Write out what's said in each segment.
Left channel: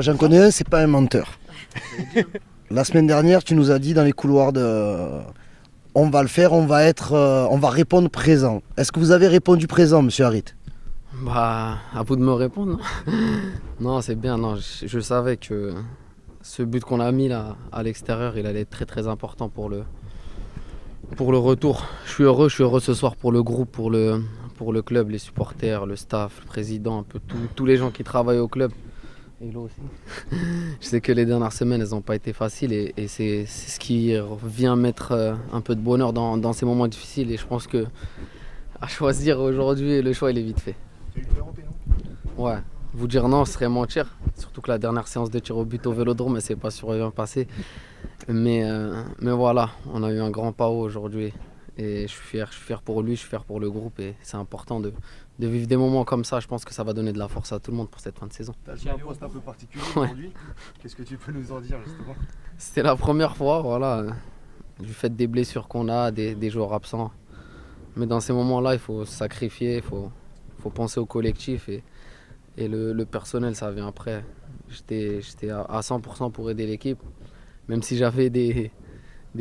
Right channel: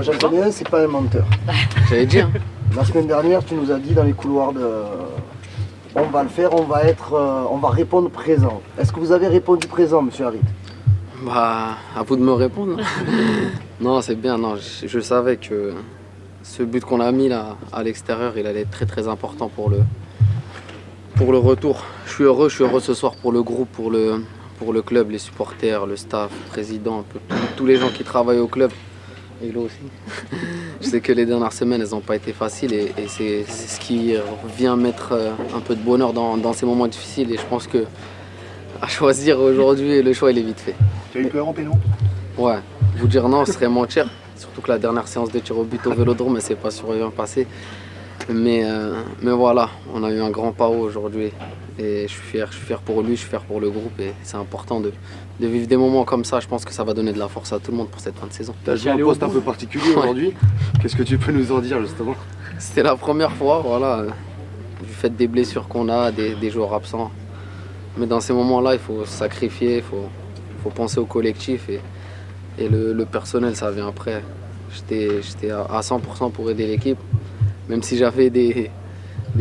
Moi j'en connais un, c'est pas un menteur. J'allais dire. La semaine dernière, tu nous as dit dans les couloirs de... On va le faire, on va répondre présent. Est-ce que vous avez répondu présent, monsieur Harit? Bah, à vous de me répondre. Non, c'est bien. Non, je savais que ce but qu'on a mis là à l'extérieur, il allait être très très important pour le retour. Je suis heureux ce soir pour le groupe, pour le club, les supporters, le staff, le président, un peu tous les gens qui travaillent au club. Et là aussi. Je sais que les dernières semaines, elles n'ont pas été faciles et c'est ce qui vient mettre un peu de bonheur dans ces moments difficiles. Et je pense que à choisir aujourd'hui, le choix il est vite fait. Tu as eu peur en péno? Ouais, vous dire non, ce serait mentir. Surtout que la dernière séance de tir au but au Vélodrome, elle s'est pas super bien passée. Mais voilà, on a eu un grand pas haut aujourd'hui. Et je suis fier pour lui, je suis fier pour le groupe. Et c'est important de vivre des moments comme ça. Je pense que ça va donner de la force à tout le monde pour cette fin de saison. Tu as joué un poste un peu particulier aujourd'hui. Qu'est-ce que tu peux nous en dire justement? C'était la première fois, voilà, du fait des blessures qu'on a, des joueurs absents. Mais dans ces moments-là, il faut se sacrifier, il faut penser au collectif et le personnel, ça vient après. J'étais à 100% pour aider l'équipe, même si j'avais des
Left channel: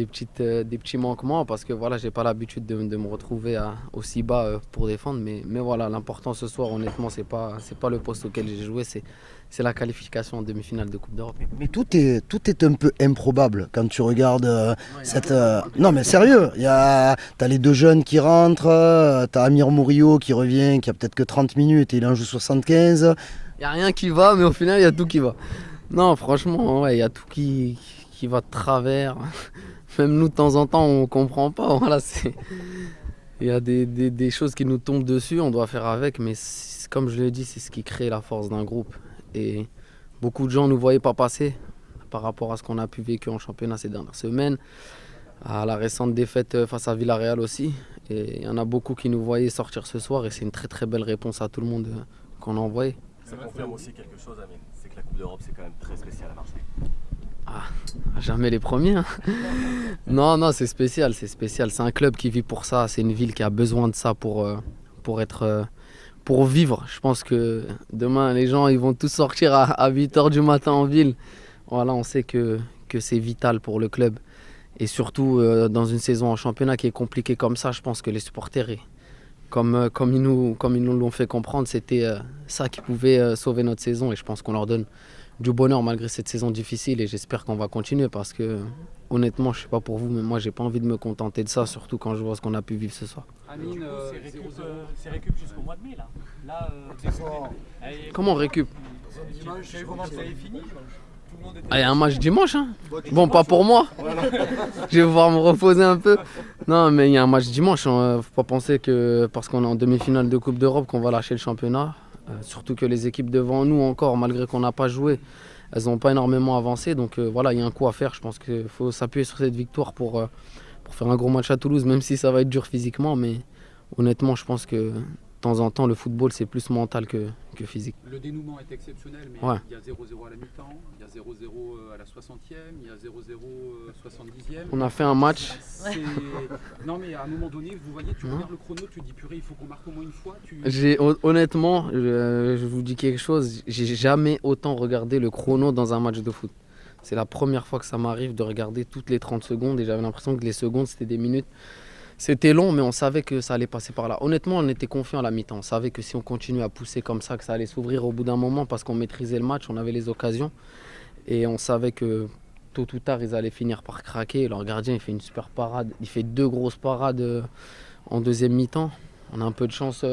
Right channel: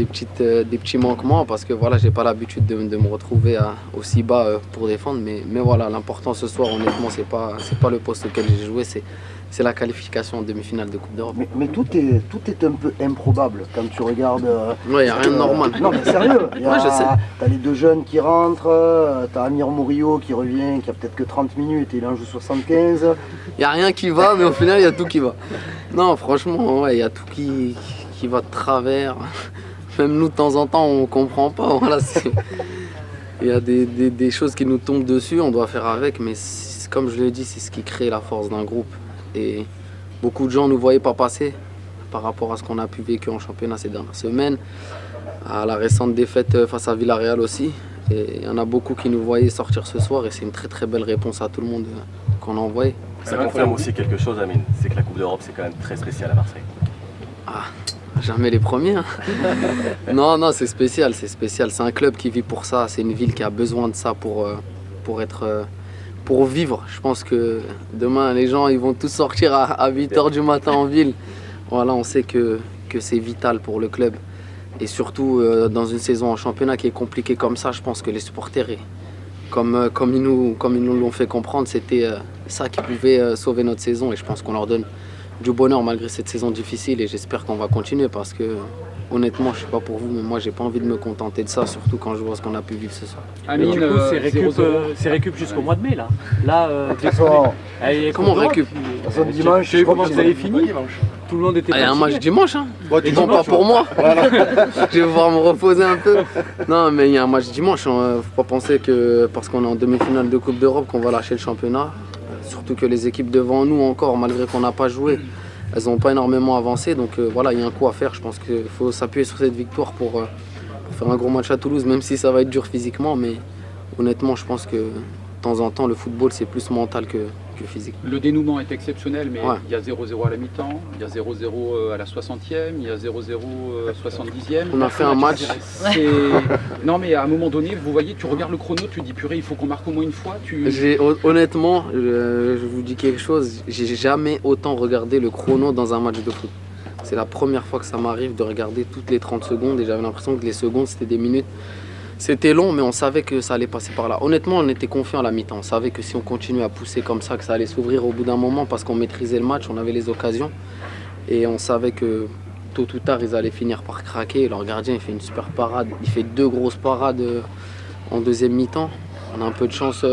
petits manquements parce que voilà, j'ai pas l'habitude de me retrouver aussi bas pour défendre. Mais voilà, l'important ce soir, honnêtement, c'est pas le poste auquel j'ai joué, c'est la qualification en demi-finale de Coupe d'Europe. Mais tout est un peu improbable quand tu regardes. Ouais, y a rien de normal. Non, mais sérieux, t'as les deux jeunes qui rentrent, t'as Amir Mourio qui revient, qui a peut-être que 30 minutes et il en joue 75. Il n'y a rien qui va, mais au final, il y a tout qui va. Non, franchement, il y a tout qui va de travers. Même nous, de temps en temps, on ne comprend pas. Voilà, il y a des choses qui nous tombent dessus, on doit faire avec, mais comme je l'ai dit, c'est ce qui crée la force d'un groupe. Et beaucoup de gens ne nous voyaient pas passer par rapport à ce qu'on a pu vécu en championnat ces dernières semaines, à la récente défaite face à Villarreal aussi. Et il y en a beaucoup qui nous voyaient sortir ce soir et c'est une très très belle réponse à tout le monde qu'on a envoyé. Ça confirme aussi quelque chose, Amine, c'est que la Coupe d'Europe c'est quand même très spécial à Marseille. Ah, jamais les premiers. Hein. Non, c'est spécial. C'est un club qui vit pour ça, c'est une ville qui a besoin de ça pour vivre. Je pense que demain les gens ils vont tous sortir à 8h du matin en ville. Voilà, on sait que c'est vital pour le club. Et surtout dans une saison en championnat qui est compliquée comme ça, je pense que les supporters, comme ils nous l'ont fait comprendre, c'était ça qui pouvait sauver notre saison. Et je pense qu'on leur donne du bonheur malgré cette saison difficile. Et j'espère qu'on va continuer parce que honnêtement, je ne sais pas pour vous, mais moi j'ai pas envie de me contenter de ça, surtout quand je vois ce qu'on a pu vivre ce soir. Amine, du coup, c'est récup jusqu'au mois de mai là. Comment on récup? Dimanche, je crois que vous avez fini. Tout le monde était. Il y a un match dimanche, hein. Bon, pas pour moi. Je vais pouvoir me reposer un peu. Non, mais il y a un match dimanche. Hein. Faut pas penser que parce qu'on est en demi-finale de Coupe d'Europe qu'on va lâcher le championnat. Surtout que les équipes devant nous encore, malgré qu'on n'a pas joué, elles n'ont pas énormément avancé. Donc voilà, il y a un coup à faire. Je pense qu'il faut s'appuyer sur cette victoire pour faire un gros match à Toulouse, même si ça va être dur physiquement. Mais honnêtement, je pense que de temps en temps, le football, c'est plus mental que physique. Le dénouement est exceptionnel, mais ouais. Il y a 0-0 à la mi-temps, il y a 0-0 à la 60e, il y a 0-0 70e. On a fait un match. Non, mais à un moment donné, vous voyez, tu regardes le chrono, tu dis purée, il faut qu'on marque au moins une fois. Honnêtement, je vous dis quelque chose, j'ai jamais autant regardé le chrono dans un match de foot. C'est la première fois que ça m'arrive de regarder toutes les 30 secondes et j'avais l'impression que les secondes c'était des minutes. C'était long, mais on savait que ça allait passer par là. Honnêtement, on était confiants à la mi-temps. On savait que si on continuait à pousser comme ça, que ça allait s'ouvrir au bout d'un moment parce qu'on maîtrisait le match, on avait les occasions. Et on savait que tôt ou tard, ils allaient finir par craquer. Leur gardien, il fait une super parade. Il fait 2 grosses parades en deuxième mi-temps. On a un peu de chance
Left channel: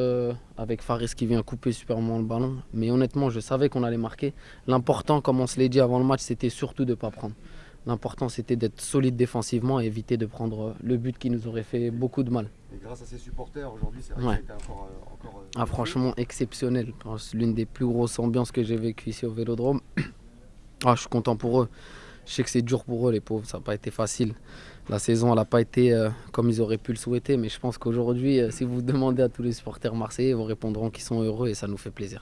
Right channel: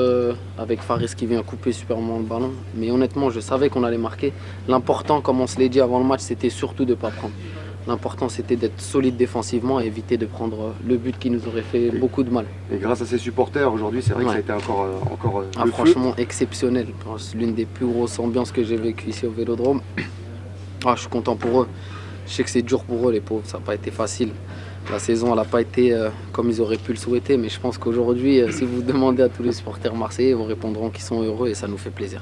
avec Faris qui vient couper superment le ballon. Mais honnêtement, je savais qu'on allait marquer. L'important, comme on se l'est dit avant le match, c'était surtout de ne pas prendre. L'important, c'était d'être solide défensivement et éviter de prendre le but qui nous aurait fait beaucoup de mal. Et grâce à ses supporters, aujourd'hui, c'est vrai que ça a été encore franchement exceptionnel. C'est l'une des plus grosses ambiances que j'ai vécues ici au Vélodrome. Je suis content pour eux. Je sais que c'est dur pour eux, les pauvres. Ça n'a pas été facile. La saison, elle n'a pas été comme ils auraient pu le souhaiter. Mais je pense qu'aujourd'hui, si vous demandez à tous les supporters marseillais, ils vous répondront qu'ils sont heureux et ça nous fait plaisir.